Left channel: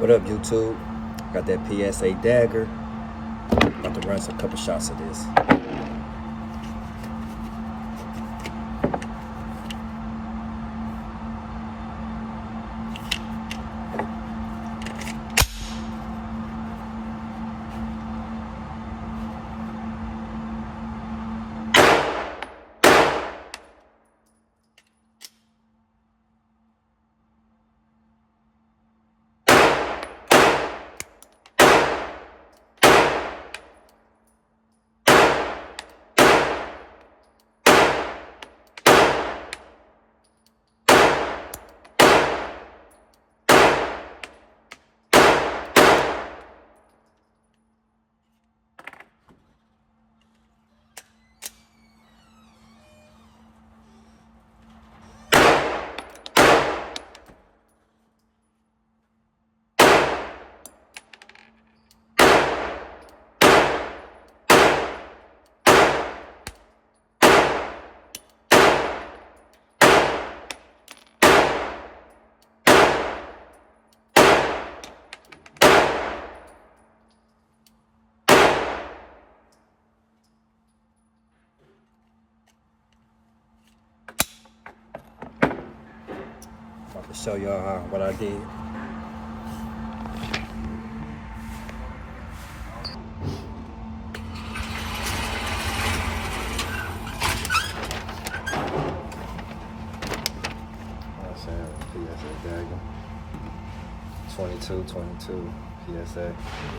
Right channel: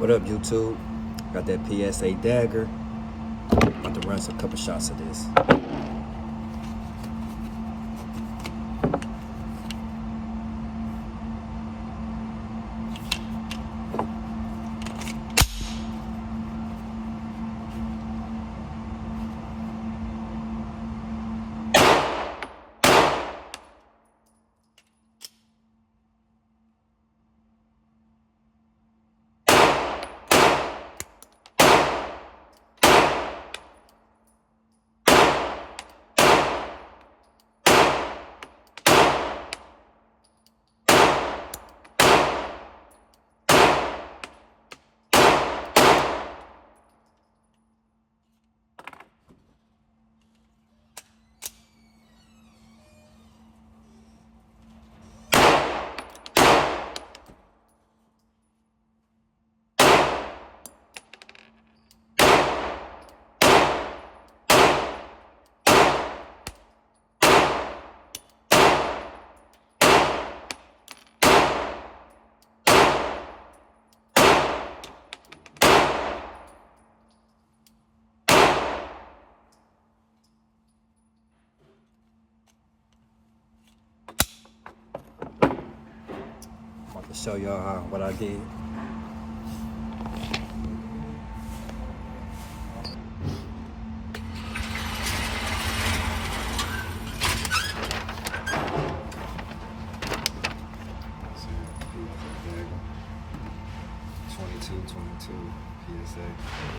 What up, YouTube? Got that PSA Dagger. About to run a couple shots of this. About to show y'all what I did. PSA Dagger. 22, PSA.